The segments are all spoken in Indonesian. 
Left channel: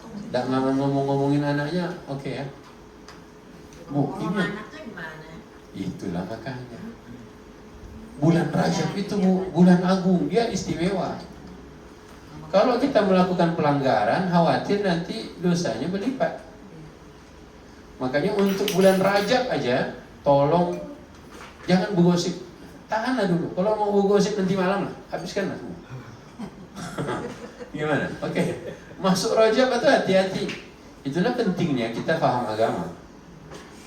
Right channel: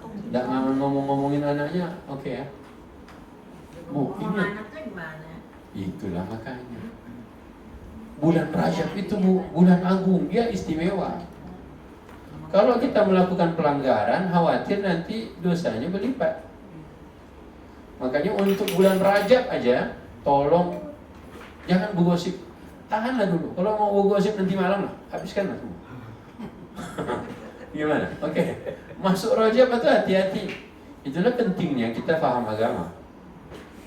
Tidak ngomongin anaknya, oke ya. Bu, ini Anak tuh gimana? itulah makanya. Bulan Rajab itu bulan agung, dia istimewa. Kalau kita melakukan pelanggaran, khawatir nanti dosanya berlipat. Makanya untuk bulan Rajab aja, tolong jangan bergosip. Tahanlah dulu. Kalau mau bergosip nanti malam lah, habiskanlah. Gimana? Oke. Masuk Rajab itu hati-hati. Itulah pentingnya kita paham agama.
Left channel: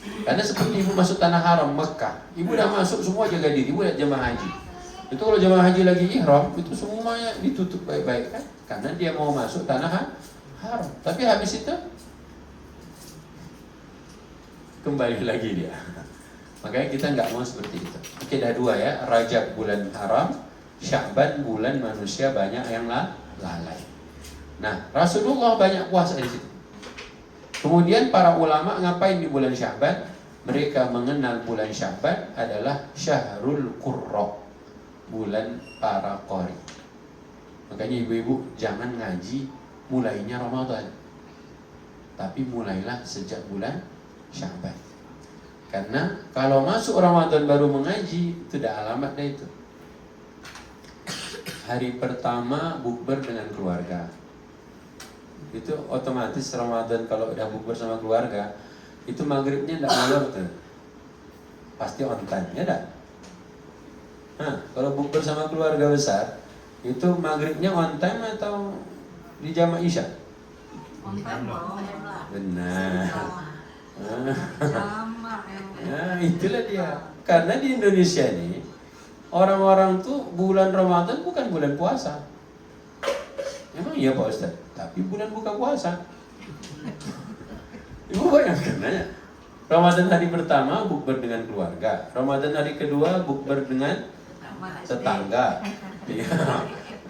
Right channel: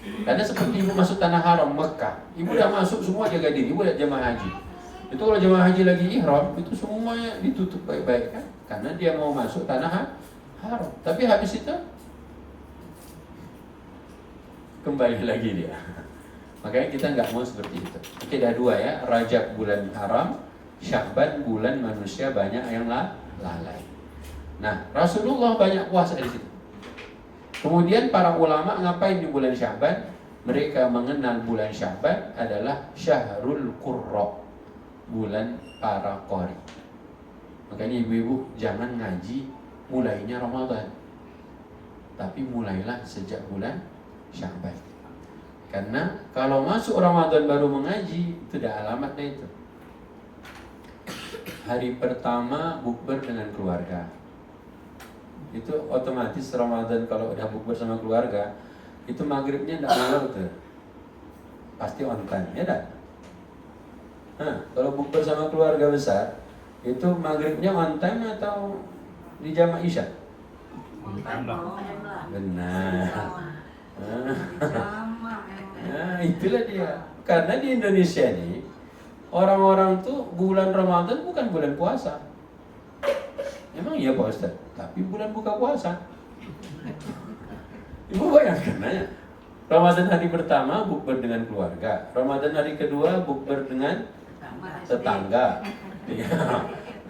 Karena seperti ibu masuk tanah haram Mekah, ibu udah masuk semua jaga diri, ibu udah jemaah haji. Itu kalau jemaah haji lagi ihram, itu semuanya ditutup baik-baik kan? Karena dia mau masuk tanah haram. Tapi habis itu kembali lagi dia. Makanya kita nggak mau seperti itu. Oke, ada dua ya, Rajab bulan haram, Sya'ban bulan manusia banyak yang lalai. Nah, Rasulullah banyak puasa di situ. Kemudian para ulama ngapain di bulan Sya'ban? Mereka mengenal bulan Sya'ban adalah Syahrul Qurra, bulan para qari. Makanya ibu-ibu jangan ngaji mulainya Ramadan, tapi mulailah sejak bulan Sya'ban. Karena kalau masuk Ramadan baru mengaji, tidak alamatnya itu. Hari pertama bukber dengan keluarga. Itu otomatis Ramadan kalau udah bukber sama keluarga, itu maghribnya tidak ngulur tuh. Pasti on time, ya tak? Nah, kalau bukber sama keluarga besar, itu maghribnya on time atau di jamaah isya? Benar. Nah, itulah dia. Karena di Indonesia ini orang-orang tuh bulan Ramadan bukan bulan puasa. Emang iya Pak Ustaz? Tapi bulan buka puasa. Ibu bayangkan aja. Ramadan hari pertama bukber dengan keluarga. Ramadan hari kedua bukber dengan tetangga.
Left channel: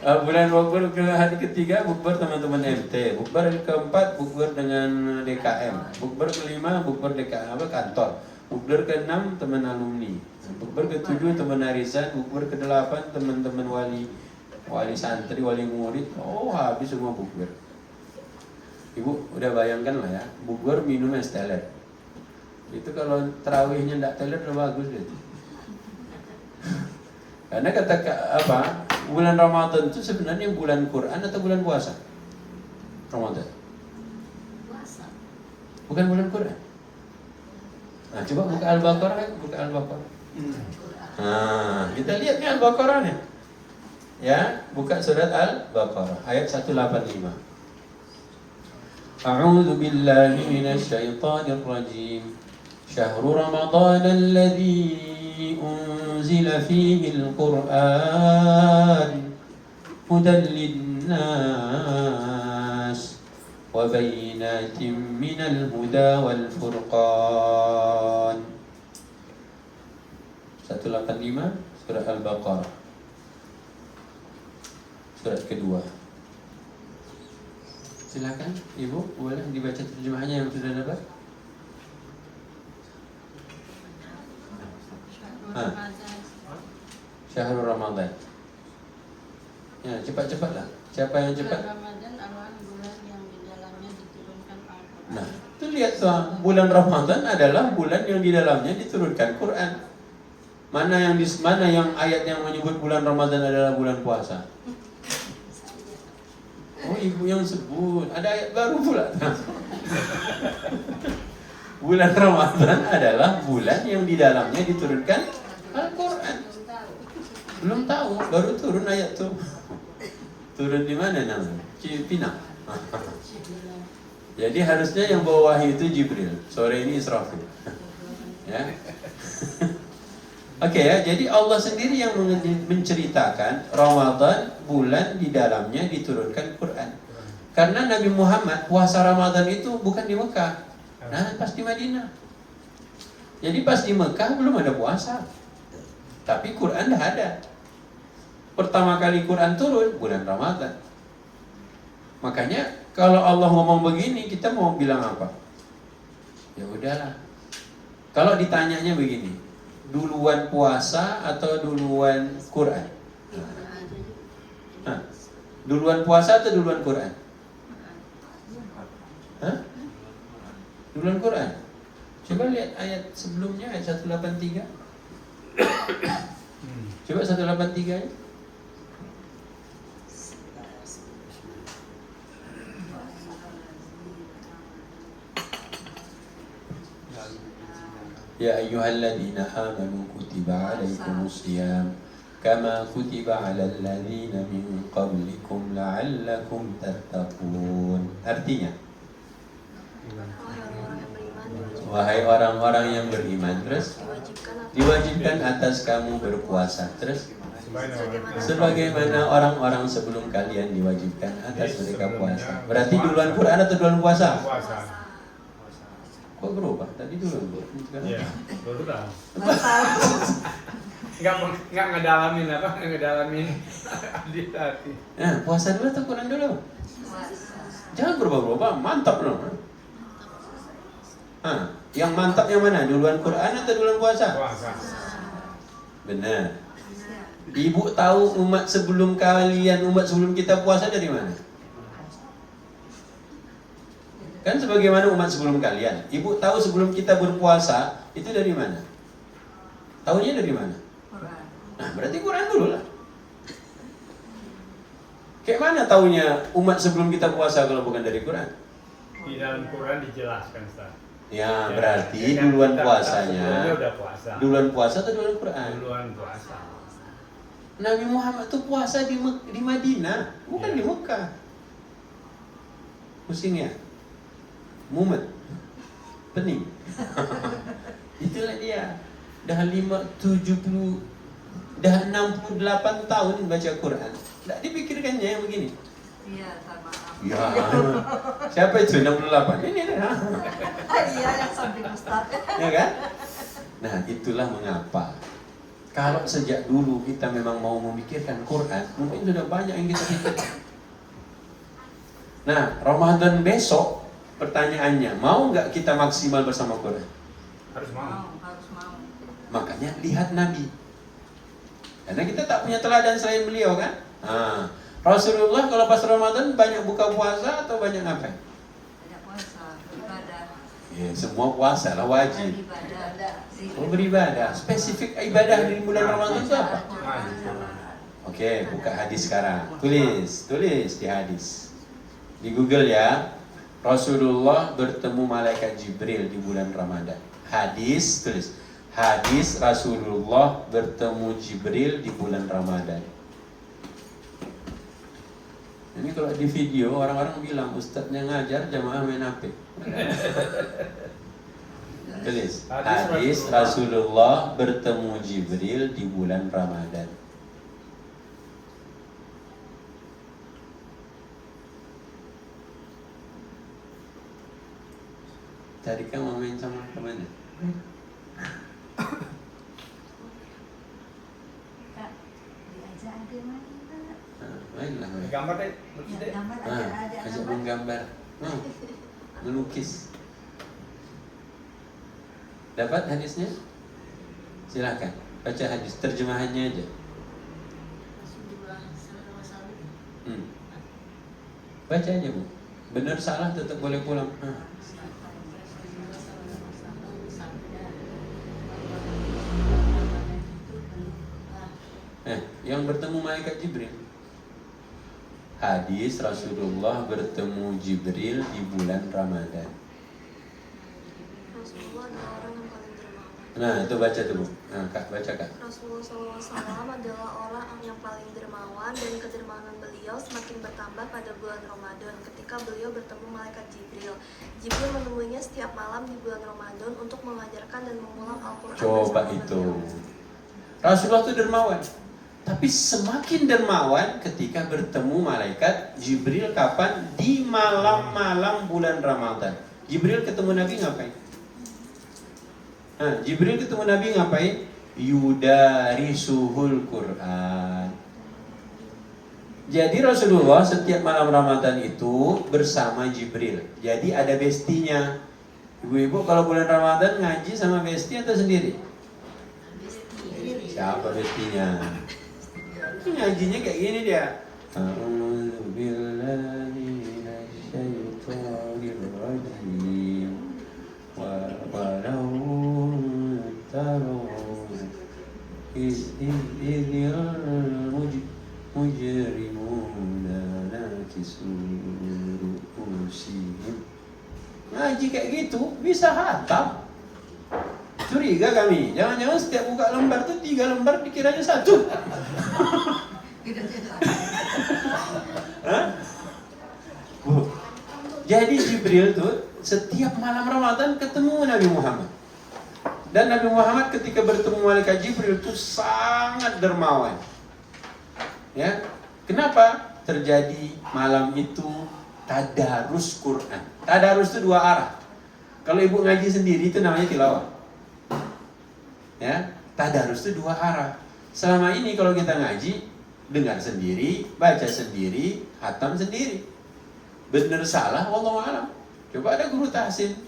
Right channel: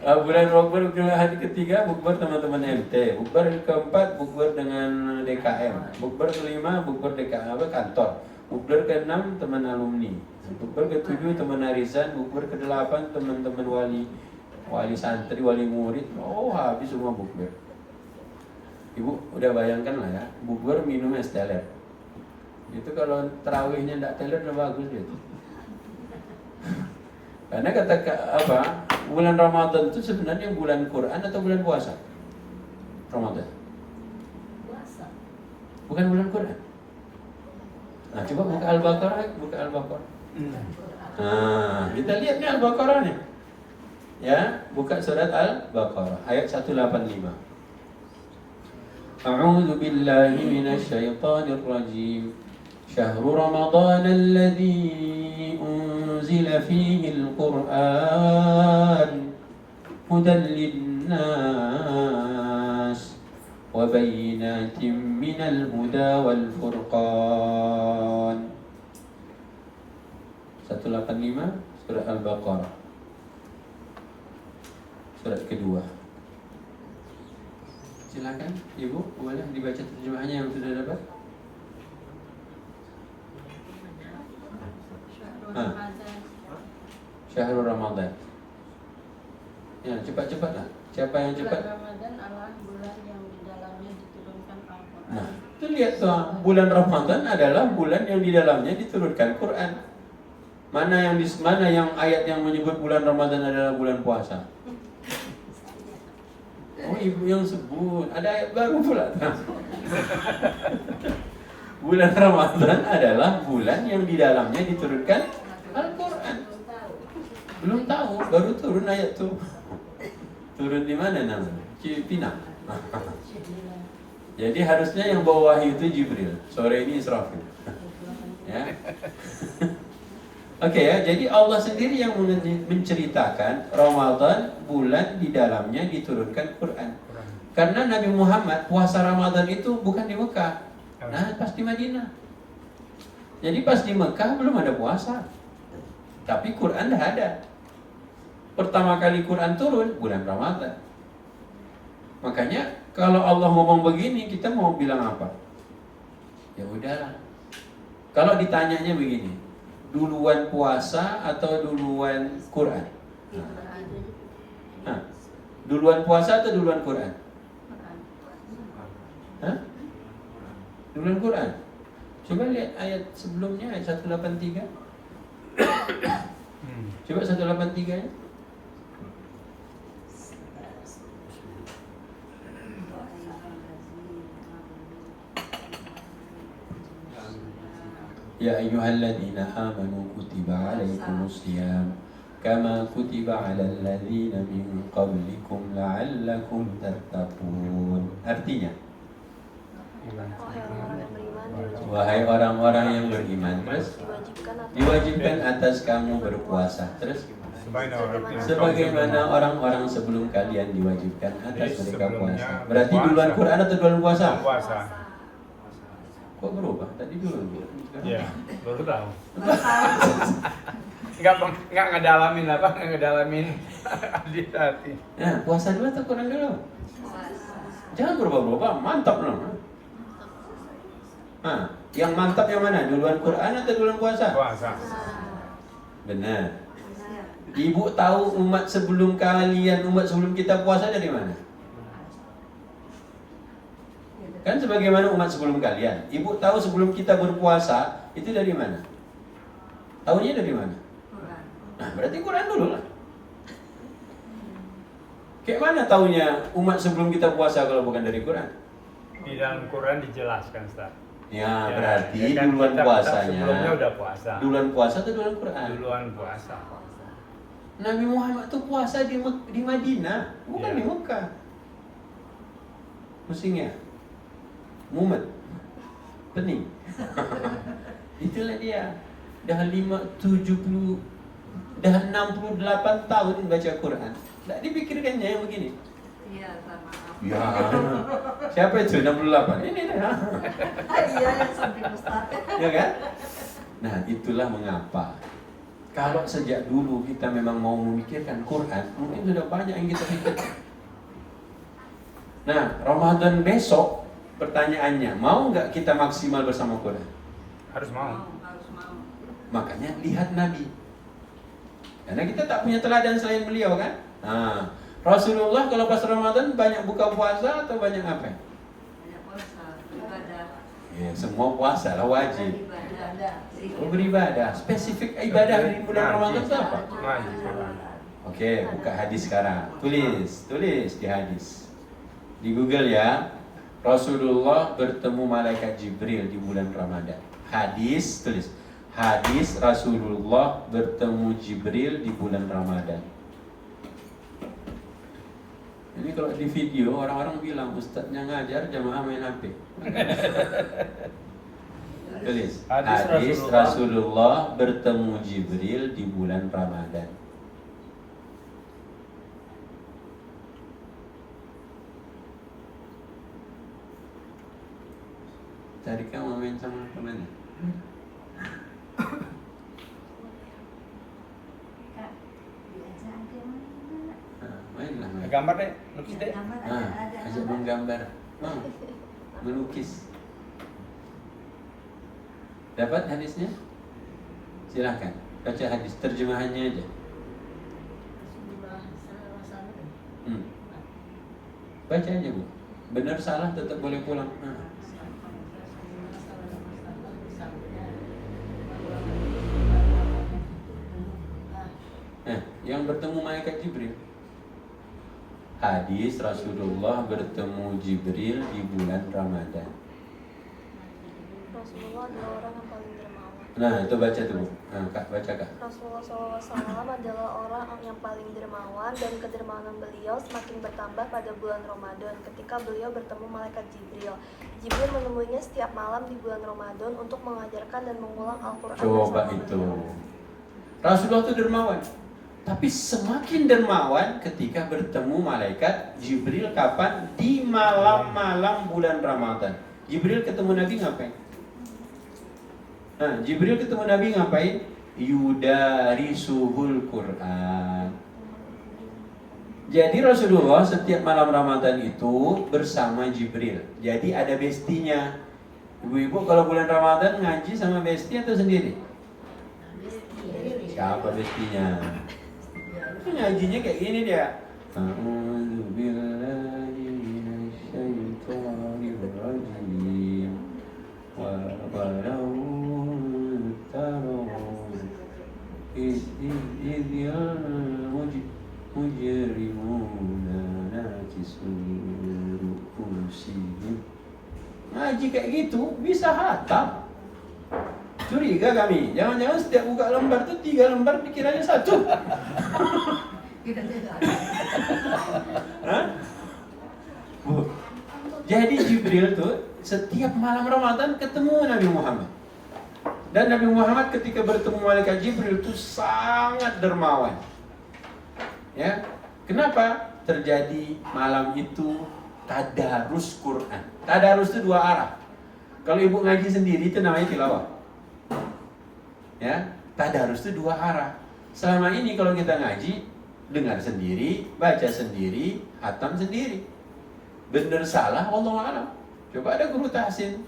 Bulan bukber ke hari ketiga bukber teman-teman MT. Bukber keempat bukber dengan DKM. Bukber kelima bukber DKM kantor. Bukber ke-6 teman alumni. Bukber ke-7 teman arisan. Bukber ke-8 teman-teman wali santri, wali murid. Oh, habis semua bukber. Ibu udah bayangkan lah ya, bukber minum es teler. Itu kalau terawihnya enggak teler udah bagus gitu. Karena kata apa? Bulan Ramadan itu sebenarnya bulan Quran atau bulan puasa? Ramadan. Puasa. Bukan bulan Quran. Nah, coba buka Al-Baqarah, buka Al-Baqarah. Nah, kita lihat nih Al-Baqarahnya. Ya, buka surat Al-Baqarah ayat 185. A'udzu billahi minasy syaithanir rajim. Syahrul Ramadan alladzi unzila fihi al-Qur'an hudan lin-nas wa bayyinatin minal huda wal furqan. 185 surat Al-Baqarah. Surat kedua. Silakan Ibu, boleh dibaca terjemahannya yang sudah dapat? Syahrul Ramadan. Ya, cepat-cepatlah. Siapa yang cepat? Bulan Ramadan adalah bulan yang di dalamnya diturunkan Al-Quran. Nah, itu lihat tuh, bulan Ramadan adalah bulan yang di dalamnya diturunkan Quran. Mana yang ayat yang menyebut bulan Ramadan adalah bulan puasa? Oh, ibu yang sebut. Ada ayat baru pula. Bulan Ramadan adalah bulan yang di dalamnya diturunkan Al-Quran. Belum tahu, baru turun ayat tuh. Turun di mana namanya? Cipinang. Jadi harusnya yang bawa wahyu itu Jibril. Sore ini Israfil. Ya. Oke ya, jadi Allah sendiri yang menceritakan Ramadan bulan di dalamnya diturunkan Quran. Karena Nabi Muhammad puasa Ramadan itu bukan di Mekah, nah pas di Madinah. Jadi pas di Mekah belum ada puasa, tapi Quran dah ada. Pertama kali Quran turun bulan Ramadan. Makanya kalau Allah ngomong begini, kita mau bilang apa? Ya udahlah. Kalau ditanyanya begini, duluan puasa atau duluan Quran? Nah, duluan puasa atau duluan Quran? Hah? Di bulan Quran. Coba lihat ayat sebelumnya, ayat 183. Coba 183 ya. Ya ayyuhalladzina amanu kutiba alaikumus syiyam kama kutiba alal ladzina min qablikum la'allakum tattaqun. Artinya, wahai orang-orang yang beriman, terus diwajibkan atas kamu berpuasa. Terus sebagaimana orang-orang sebelum kalian diwajibkan atas mereka puasa. Berarti duluan Quran atau duluan puasa? Puasa. Kok berubah? Tadi dulu. Iya, baru tahu. Enggak ngedalamin apa? Ngedalamin hadis tadi. Nah, puasa dulu atau Quran dulu? Jangan berubah-ubah, mantap loh. Nah, yang mantap yang mana? Duluan Quran atau duluan puasa? Puasa. Benar. Ibu tahu umat sebelum kalian, umat sebelum kita puasa dari mana? Kan sebagaimana umat sebelum kalian. Ibu tahu sebelum kita berpuasa itu dari mana? Tahunya dari mana? Nah, berarti Quran dulu lah. Kayak mana tahunya umat sebelum kita puasa kalau bukan dari Quran? Di dalam Quran dijelaskan, Ustaz. Ya, Ya, berarti ya kan duluan kita puasanya. sebelumnya udah puasa. Duluan puasa atau duluan Quran? Duluan puasa. Nabi Muhammad itu puasa di Madinah, bukan Ya. di Mekah. Pusingnya, mumet, pening. Itulah dia. Dah 68 tahun baca Quran. Tidak dipikirkannya yang begini. Iya, sama. Ya, siapa itu 68? Ini dah. Iya, sampai Ustaz. Ya kan? Nah, itulah mengapa kalau sejak dulu kita memang mau memikirkan Quran, mungkin sudah banyak yang kita pikirkan. Nah, Ramadan besok, pertanyaannya, mau nggak kita maksimal bersama Quran? Harus mau. Harus mau. Makanya lihat Nabi. Karena kita tak punya teladan selain beliau kan? Nah, Rasulullah kalau pas Ramadan banyak buka puasa atau banyak apa? Tidak puasa, ibadah. Ya, semua puasa lah wajib. Ibadah. Oh, beribadah. Spesifik ibadah di bulan Ramadan itu apa? Oke, buka hadis sekarang. Tulis di hadis. Di Google ya. Rasulullah bertemu malaikat Jibril di bulan Ramadan. Hadis, tulis. Hadis Rasulullah bertemu Jibril di bulan Ramadan. Ini kalau di video orang-orang bilang ustadznya ngajar jamaah main HP. Tulis. Hadis Rasulullah bertemu Jibril di bulan Ramadan. Tadi kan mau main sama kemana? Kak, diajak aja mana? Mainlah main. Gambar deh, lukis deh. Gambar ada Ajak menggambar. Melukis. Dapat hadisnya? Silakan baca hadis terjemahannya aja. Rasulullah sallallahu alaihi wasallam. Baca aja Bu. Benar salah tetap boleh pulang. Yang bertemu malaikat Jibril. Hadis Rasulullah bertemu Jibril di bulan Ramadan. Rasulullah adalah orang yang paling dermawan. Nah, itu baca dulu. Nah, Kak, baca Kak. Rasulullah SAW adalah orang yang paling dermawan dan kedermawanan beliau semakin bertambah pada bulan Ramadan ketika beliau bertemu malaikat Jibril. Jibril menemuinya setiap malam di bulan Ramadan untuk mengajarkan dan mengulang Al-Quran Coba bersama itu. beliau. Rasulullah itu dermawan. Tapi semakin dermawan ketika bertemu malaikat Jibril kapan? Di malam-malam bulan Ramadan. Jibril ketemu Nabi ngapain? Nah, Jibril ketemu Nabi ngapain? Yudarisuhul Quran. Jadi Rasulullah setiap malam Ramadan itu bersama Jibril. Jadi ada bestinya. Ibu kalau bulan Ramadan ngaji sama besti atau sendiri? Siapa bestinya? Ngajinya kayak gini dia. ngaji kayak gitu bisa hatam. Curiga kami, jangan-jangan setiap buka lembar tuh 3 lembar pikirannya 1. Kita juga. Hah? Jadi Jibril tuh setiap malam Ramadan ketemu Nabi Muhammad. Dan Nabi Muhammad ketika bertemu malaikat Jibril itu sangat dermawan. Ya, kenapa? Terjadi malam itu tadarus Quran. Tadarus itu 2 arah. Kalau ibu ngaji sendiri itu namanya tilawah. Ya, tadarus itu 2 arah. Selama ini kalau kita ngaji, dengar sendiri, baca sendiri, hatam sendiri. Benar salah, wallahu a'lam. Coba ada guru tahsin,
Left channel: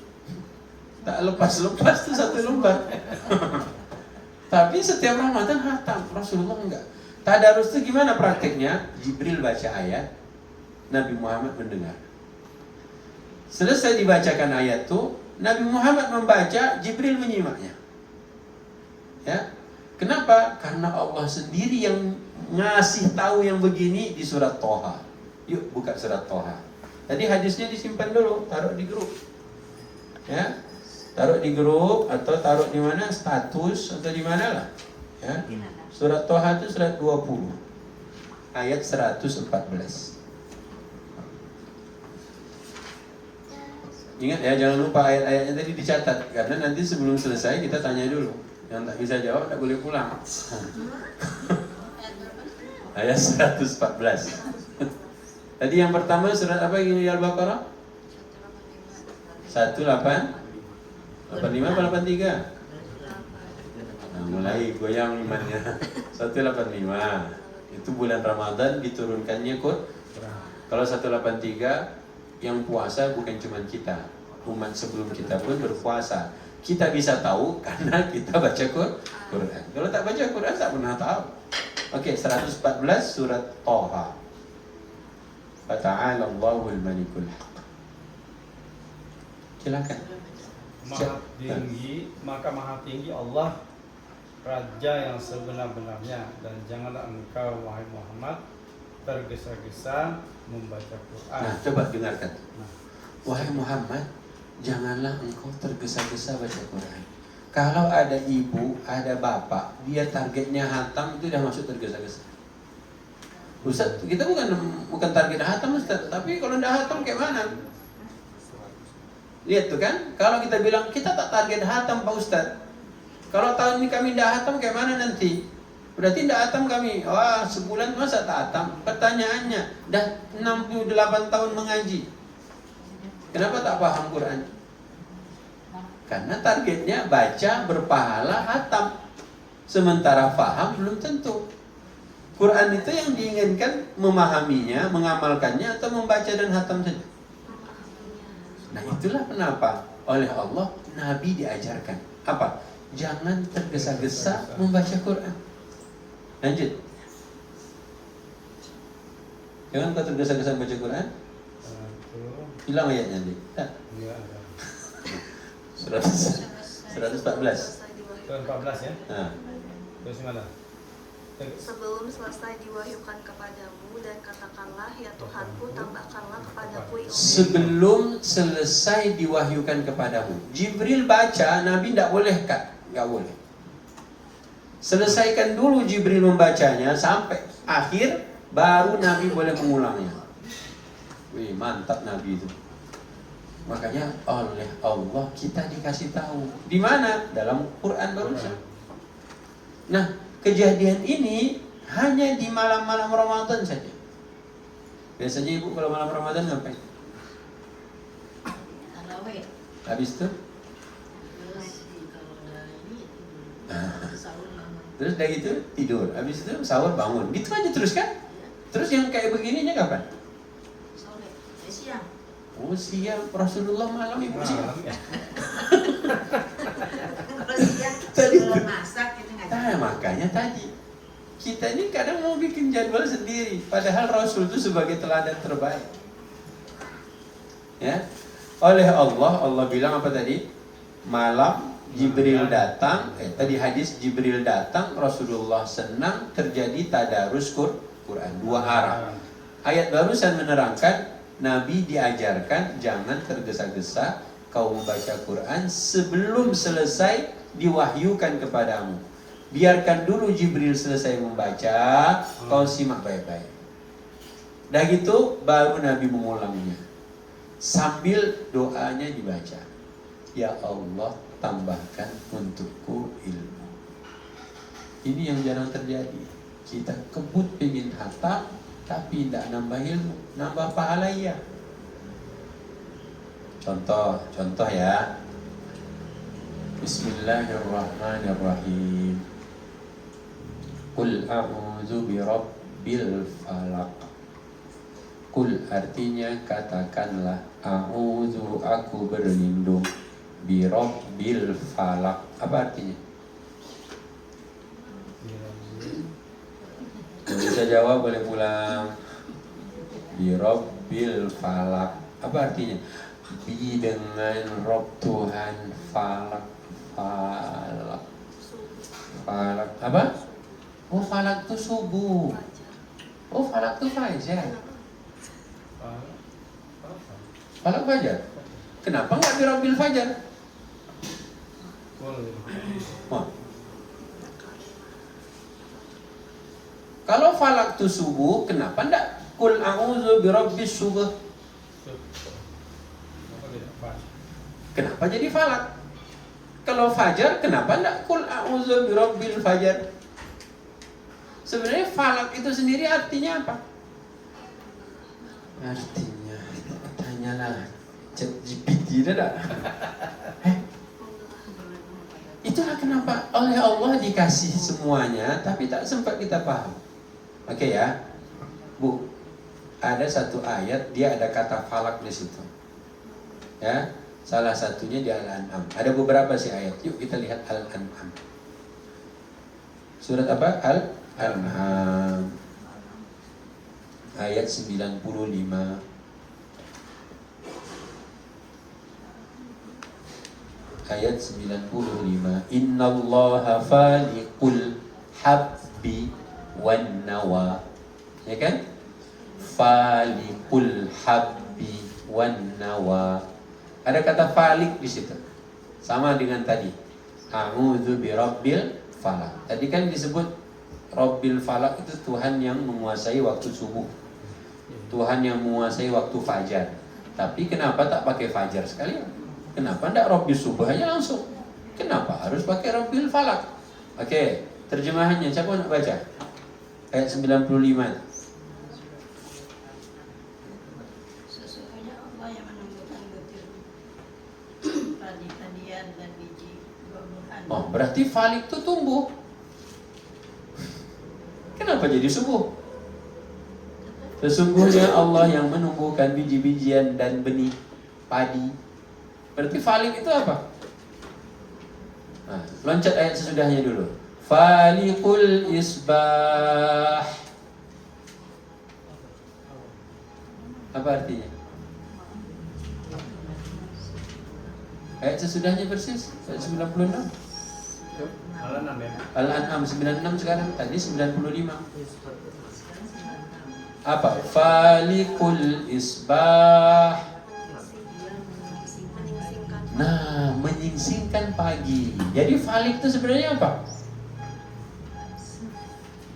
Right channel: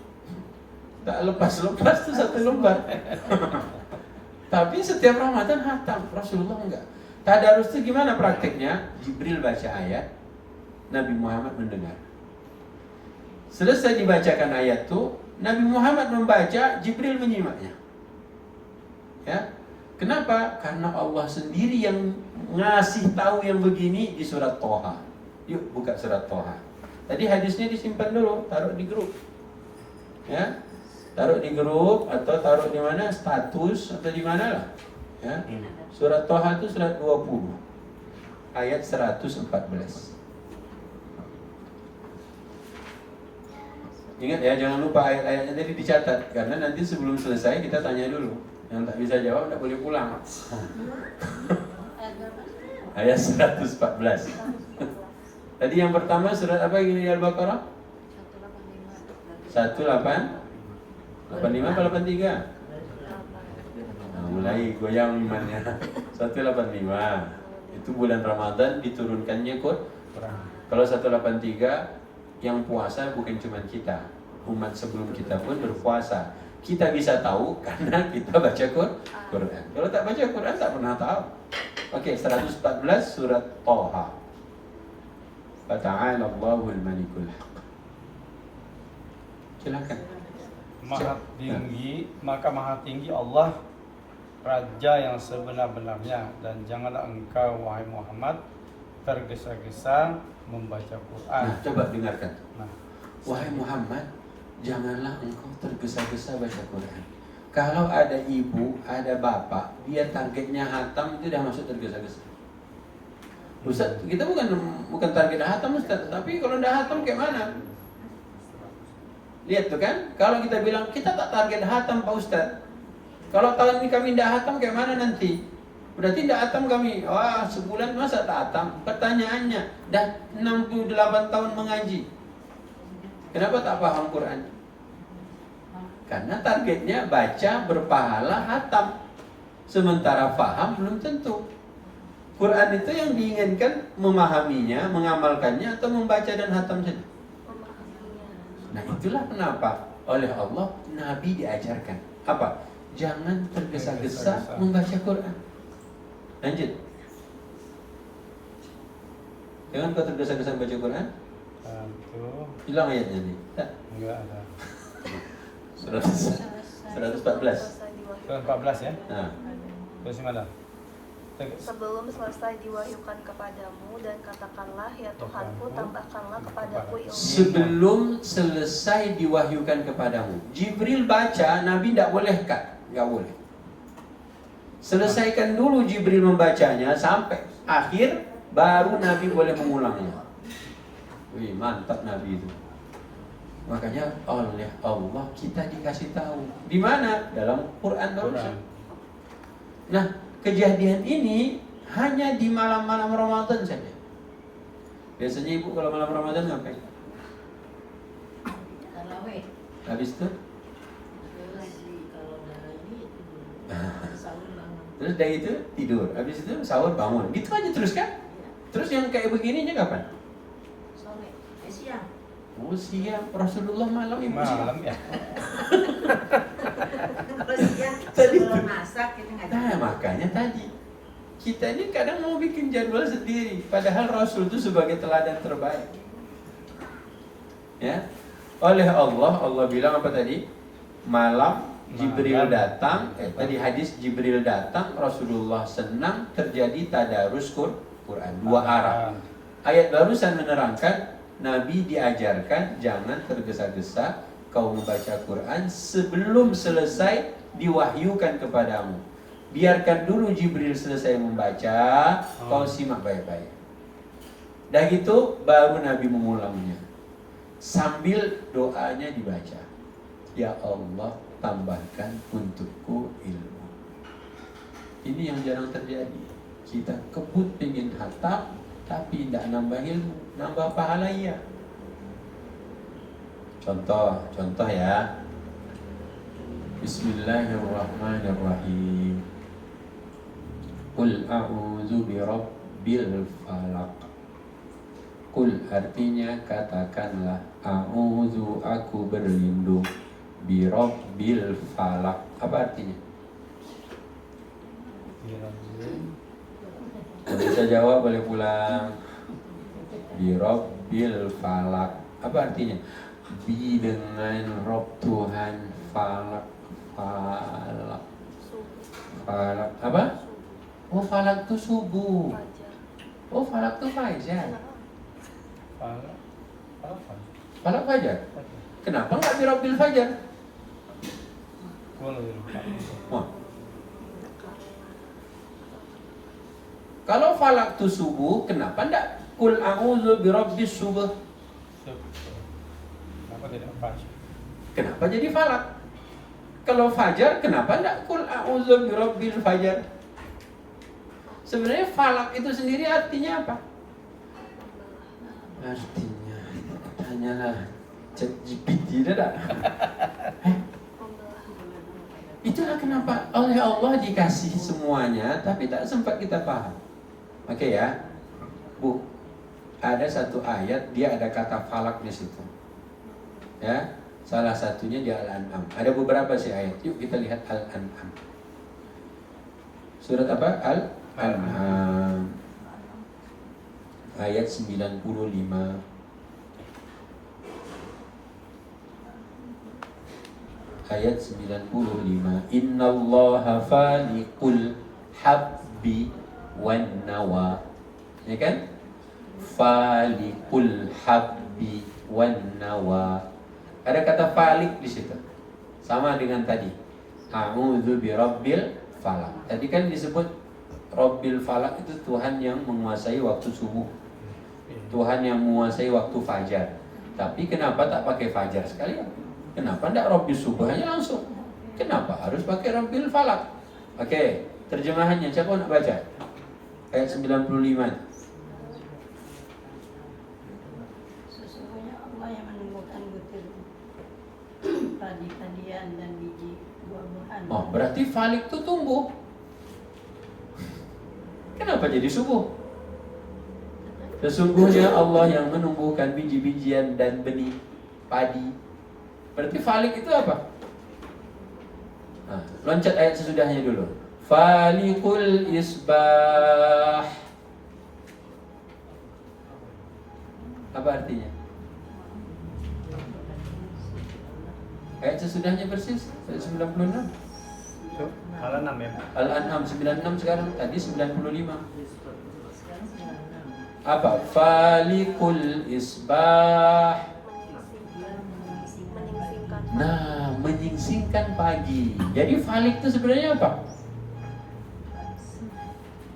tak lepas-lepas tuh 1 lembar. Tapi setiap Ramadan hatam, Rasulullah enggak. Tadarus itu gimana prakteknya? Jibril baca ayat, Nabi Muhammad mendengar. Selesai dibacakan ayat tuh, Nabi Muhammad membaca, Jibril menyimaknya. Ya, kenapa? Karena Allah sendiri yang ngasih tahu yang begini di surat Toha. Yuk buka surat Toha. Tadi hadisnya disimpan dulu, taruh di grup. Ya, taruh di grup atau taruh di mana, status atau di mana lah. Ya, surat Toha itu surat 20 ayat 114. Ingat ya, jangan lupa ayat-ayatnya tadi dicatat, karena nanti sebelum selesai kita tanya dulu. Yang tak bisa jawab tak boleh pulang. Ayat berapa? Ayat 114. Tadi yang pertama surat apa ini Al-Baqarah? 185 atau 83? Nah, mulai goyang imannya. 185. Itu bulan Ramadan diturunkannya Quran. Kalau 183 yang puasa bukan cuma kita, umat sebelum kita pun berpuasa. Kita bisa tahu karena kita baca Quran. Kalau tak baca Quran tak pernah tahu. Oke, 114 surat Toha. Fata'ala Allahul Malikul Haq. Silakan. Maha tinggi Allah, Raja yang sebenar-benarnya, dan janganlah engkau wahai Muhammad tergesa-gesa membaca Quran. Nah, coba dengarkan. Nah, Wahai Muhammad, janganlah engkau tergesa-gesa baca Quran. Kalau ada ibu, ada bapak, dia targetnya hatam, itu dah masuk tergesa-gesa. Ustaz, kita bukan target hatam Ustaz, tapi kalau dah hatam kayak mana? Lihat tuh kan, kalau kita bilang kita tak target hatam Pak Ustaz. Kalau tahun ini kami dah hatam kayak mana nanti? Berarti dah hatam kami. Wah, sebulan masa tak hatam? Pertanyaannya, dah 68 tahun mengaji. Kenapa tak paham Quran? Karena targetnya baca, berpahala, hatam. Sementara paham belum tentu. Quran itu yang diinginkan memahaminya, mengamalkannya, atau membaca dan hatam saja. Nah itulah kenapa oleh Allah Nabi diajarkan apa? Jangan tergesa-gesa membaca Quran. Lanjut. Jangan kau tergesa-gesa membaca Quran. Hilang ayatnya nih. Enggak ada. 114. 14 ya. Nah. Terus mana? Sebelum selesai diwahyukan kepadamu, dan katakanlah, ya Tuhanku, tambahkanlah kepadaku ilmu. Sebelum selesai diwahyukan kepadamu, Jibril baca, Nabi tidak boleh Kak? Nggak boleh. Selesaikan dulu Jibril membacanya sampai akhir, baru Nabi boleh mengulangnya. Wih, mantap Nabi itu. Makanya oleh Allah kita dikasih tahu. Di mana? Dalam Quran barusan. Nah, kejadian ini hanya di malam-malam Ramadan saja. Biasanya ibu kalau malam Ramadan ngapain? Tarawih. Habis itu? Terus kalau dari ini sahur bangun. Terus dari itu tidur. Habis itu sahur bangun. Gitu aja terus kan? Terus yang kayak begininya kapan? Sore, siang. Oh siang. Rasulullah malam ibu siang. Malam ya. Kalau siang sebelum masak kita ngaji. Nah makanya tadi kita ini kadang mau bikin jadwal sendiri, padahal Rasul itu sebagai teladan terbaik. Ya, oleh Allah bilang apa tadi? Malam Jibril datang, tadi hadis Jibril datang, Rasulullah senang, terjadi tadarus Quran, 2 arah. Ayat barusan menerangkan Nabi diajarkan jangan tergesa-gesa kau membaca Quran sebelum selesai diwahyukan kepadamu. Biarkan dulu Jibril selesai membaca, kau simak baik-baik. Dah gitu baru Nabi mengulanginya sambil doanya dibaca. Ya Allah, tambahkan untukku ilmu. Ini yang jarang terjadi. Kita kebut pengen hatam, tapi tidak nambah ilmu, nambah pahala ya. Contoh ya. Bismillahirrahmanirrahim. Qul a'udzu birabbil falaq. Qul artinya katakanlah, a'udzu aku berlindung, birabbil falaq. Apa artinya? Kalau bisa jawab boleh pulang. Birabbil falaq. Apa artinya? Bi dengan Rob Tuhan, falak apa? Oh, falak itu subuh. Oh, falak itu fajar. Falak fajar. Kenapa nggak birabbil fajar? Oh. Kalau falak itu subuh, kenapa nggak kul a'udzu birabbis subuh? Kenapa jadi falak? Kalau fajar, kenapa enggak kul a'udzu birabbil fajar? Sebenarnya falak itu sendiri artinya apa? Artinya, tanyalah ChatGPT dah. Itulah kenapa oleh Allah dikasih semuanya, tapi tak sempat kita paham. Oke ya, Bu, ada satu ayat dia ada kata falak di situ. Ya, salah satunya di Al-An'am. Ada beberapa sih ayat. Yuk kita lihat Al-An'am. Surat apa? Al-An'am. Ayat 95. Ayat 95. Innallaha faliqul habbi wan nawa. Ya kan? Faliqul habbi wan nawa. Ada kata falik di situ. Sama dengan tadi. A'udzu birabbil falaq. Tadi kan disebut Rabbil falaq itu Tuhan yang menguasai waktu subuh. Tuhan yang menguasai waktu fajar. Tapi kenapa tak pakai fajar sekalian? Kenapa tidak Rabbil subuh aja langsung? Kenapa harus pakai Rabbil falaq? Oke, terjemahannya siapa nak baca? Ayat 95. Padi-padian dan biji buah-buahan. Oh, berarti falik itu tumbuh. Kenapa jadi subuh? Sesungguhnya Allah yang menumbuhkan biji-bijian dan benih padi. Berarti falik itu apa? Nah, loncat ayat sesudahnya dulu. Falikul isbah. Apa artinya? Ayat sesudahnya persis, ayat 96. Al-An'am ya. Al-An'am 96 sekarang, tadi 95. Apa? Falikul isbah. Menyingsingkan. Nah, menyingsingkan pagi. Jadi falik itu sebenarnya apa?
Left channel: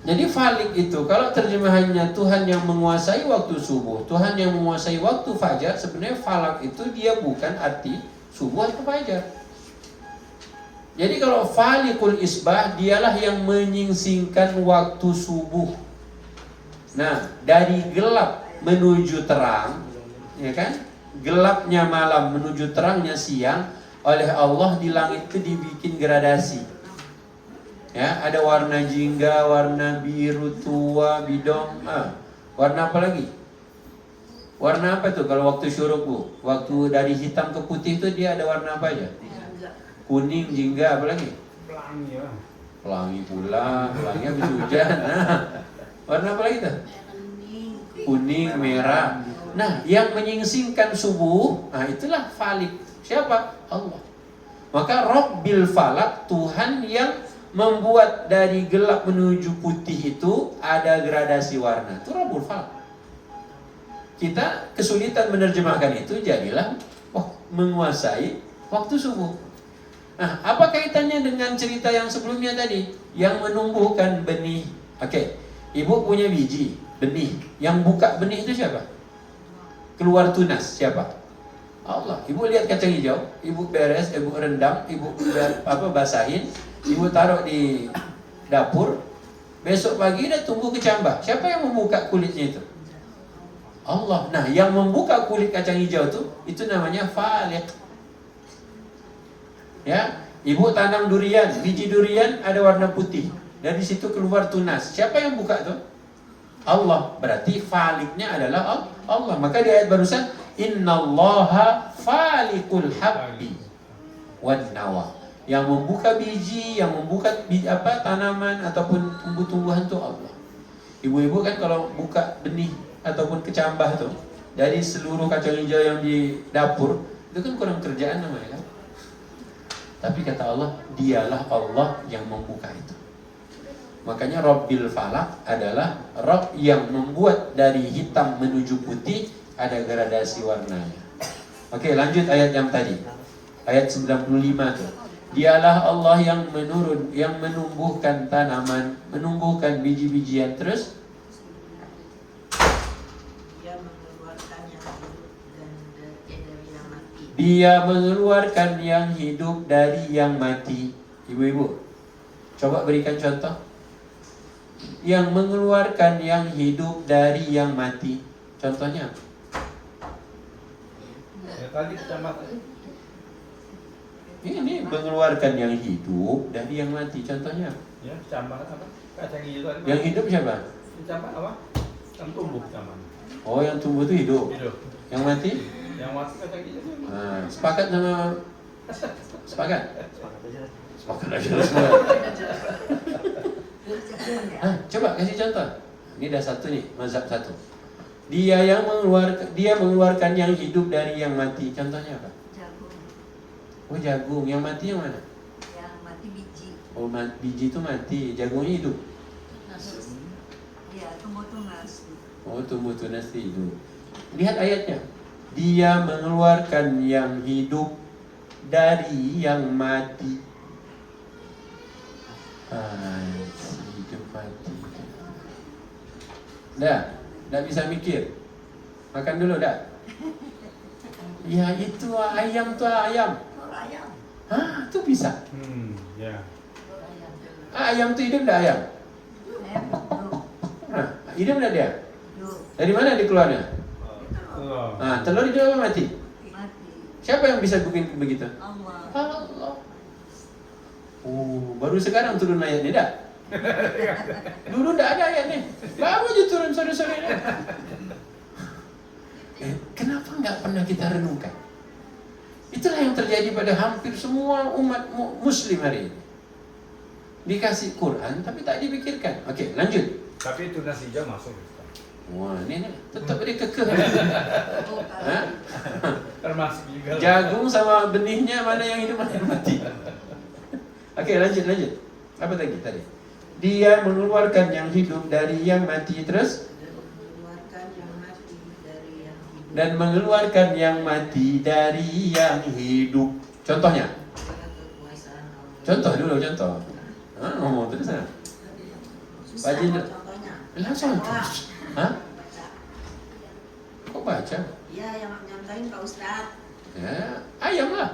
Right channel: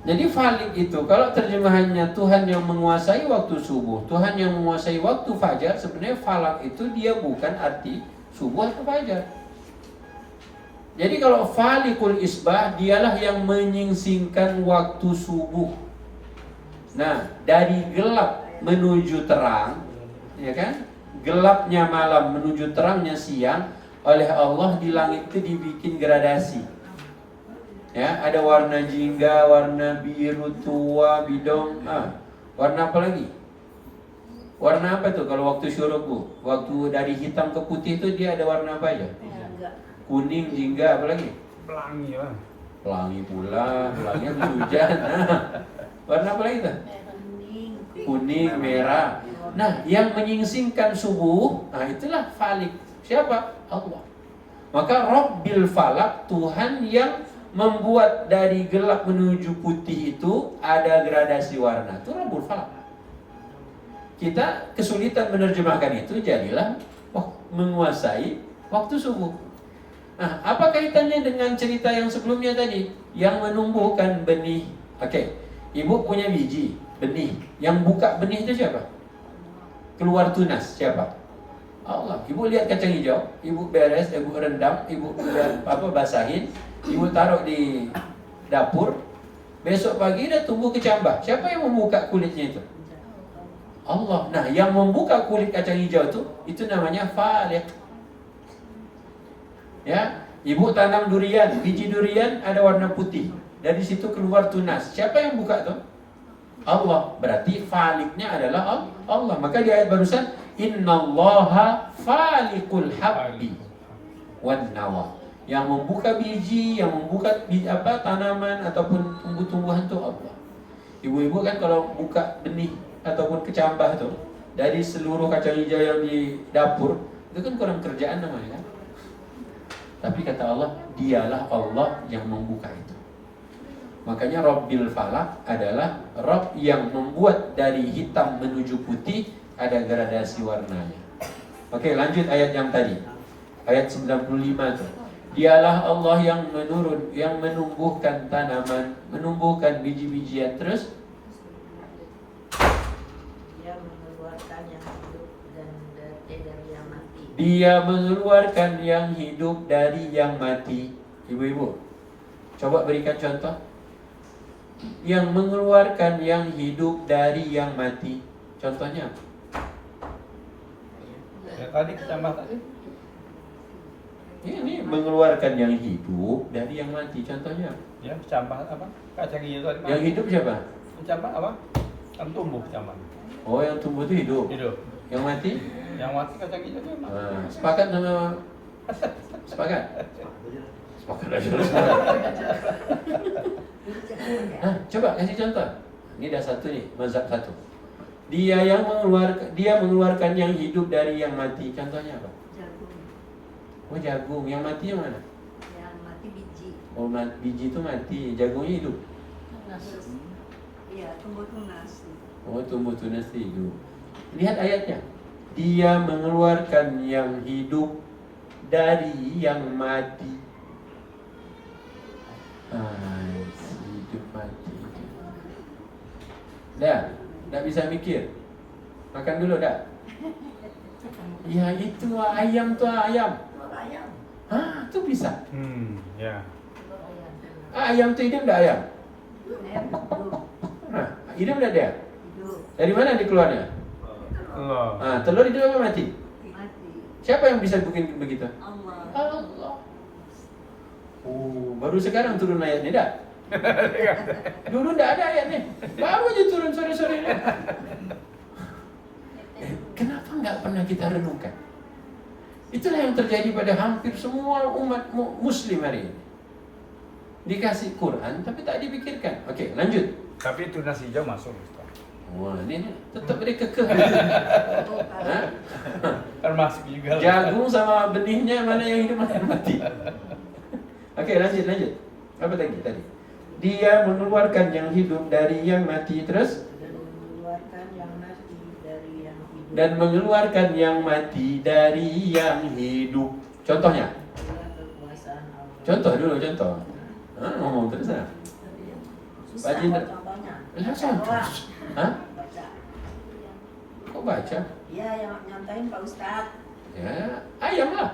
Jadi falik itu kalau terjemahannya Tuhan yang menguasai waktu subuh, Tuhan yang menguasai waktu fajar, sebenarnya falak itu dia bukan arti subuh atau fajar. Jadi kalau falikul isbah dialah yang menyingsingkan waktu subuh. Nah, dari gelap menuju terang, ya kan? Gelapnya malam menuju terangnya siang, oleh Allah di langit itu dibikin gradasi. Ya, ada warna jingga, warna biru tua, bidong, warna apa lagi? Warna apa tuh kalau waktu syuruk, Bu? Waktu dari hitam ke putih itu dia ada warna apa ya? Kuning, jingga, apa lagi? Pelangi ya. Pelangi pula, pelangi habis hujan. Nah, warna apa lagi tuh? Kuning, merah. Nah, yang menyingsingkan subuh, nah itulah falik. Siapa? Allah. Maka Rabbil falaq, Tuhan yang membuat dari gelap menuju putih itu ada gradasi warna. Itu Rabbul falaq. Kita kesulitan menerjemahkan itu, jadilah menguasai waktu subuh. Nah, apa kaitannya dengan cerita yang sebelumnya tadi? Yang menumbuhkan benih. Oke, ibu punya biji, benih. Yang buka benih itu siapa? Keluar tunas, siapa? Allah. Ibu lihat kacang hijau, ibu beres, ibu rendam, ibu basahin, ibu taruh di dapur. Besok pagi dia tumbuh kecambah. Siapa yang membuka kulitnya itu? Allah. Nah, yang membuka kulit kacang hijau itu namanya faliq. Ya, ibu tanam durian, biji durian ada warna putih. Dari situ keluar tunas. Siapa yang buka tuh? Allah. Berarti faliqnya adalah Allah. Maka di ayat barusan, innallaha faliqul habbi wan nawa. Yang membuka biji, yang membuka tanaman ataupun tumbuh-tumbuhan itu Allah. Ibu-ibu kan kalau buka benih ataupun kecambah tuh dari seluruh kacang hijau yang di dapur, itu kan kurang kerjaan namanya kan? Tapi kata Allah, dialah Allah yang membuka itu. Makanya Rabbil Falak adalah Rabb yang membuat dari hitam menuju putih ada gradasi warnanya. Oke, lanjut ayat yang tadi. Ayat 95 tuh. Dialah Allah yang yang menumbuhkan tanaman, menumbuhkan biji-bijian, terus Dia mengeluarkan yang hidup dan dari yang mati. Dia mengeluarkan yang hidup dari yang mati. Ibu-ibu, coba berikan contoh. Yang mengeluarkan yang hidup dari yang mati. Contohnya apa? Ya, tadi kecambah tadi. Ini mengeluarkan yang hidup dari yang mati. Contohnya apa? Ya, kecambah apa? Kacang hijau tadi. Yang hidup siapa? Kecambah apa? Yang tumbuh kecambah. Oh, yang tumbuh itu hidup. Hidup. Yang mati? Yang mati kacang hijau itu mati. Nah, sepakat sama sepakat? Sepakat aja semua. Nah, coba kasih contoh. Ini dah satu nih, mazhab satu. Dia mengeluarkan yang hidup dari yang mati. Contohnya apa? Jagung. Oh, jagung. Yang mati yang mana? Yang mati biji. Oh, biji itu mati, jagungnya hidup. Iya, tumbuh tunas. Oh, tumbuh tunas hidup. Lihat ayatnya. Dia mengeluarkan yang hidup dari yang mati. Hidup mati. Dah bisa mikir. Makan dulu dah. Ya itu ayam tuh ayam. Telur ayam. Hah, itu bisa. Ya. Telur ayam. Ayam tuh hidup dah ayam. Ayam hidup. Nah, hidup dah dia. Hidup. Dari mana dikeluarnya? Telur. Oh. Telur hidup apa mati? Mati. Siapa yang bisa bikin begitu? Allah. Allah. Baru sekarang turun ayatnya dah. Dulu tidak ada ayatnya. Baru aja turun sore-sore. Kenapa nggak pernah kita renungkan? Itulah yang terjadi pada hampir semua umat Muslim hari ini. Dikasih Quran tapi tak dipikirkan. Oke, lanjut. Tapi tunas hijau masuk. Wah, ini tetap dia kekeh. Hah? Termasuk juga. Jagung sama benihnya mana yang hidup mana yang mati. Oke, lanjut. Apa tadi? Dia mengeluarkan yang hidup dari yang mati, terus Dan mengeluarkan yang mati dari yang hidup. dan mengeluarkan yang mati dari yang hidup. Contohnya? Itulah kekuasaan Allah. Contoh dulu, contoh. Terus lah. Susah Baca. kok contohnya. Langsung. Doang. Hah? Baca. Kok baca? Iya, yang nyontain Pak Ustadz. Ya, ayam lah.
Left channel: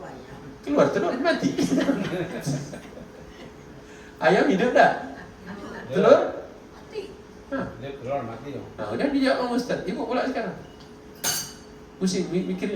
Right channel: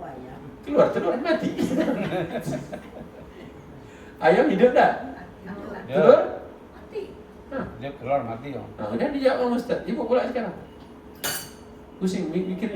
Oh, ayam. Keluar telur mati. Ayam hidup dah. Itulah. Ya. Telur? Mati. Hah. Dia keluar mati dong. Nah, udah dijawab sama Ustaz. Ibu pula sekarang. Pusing mikir.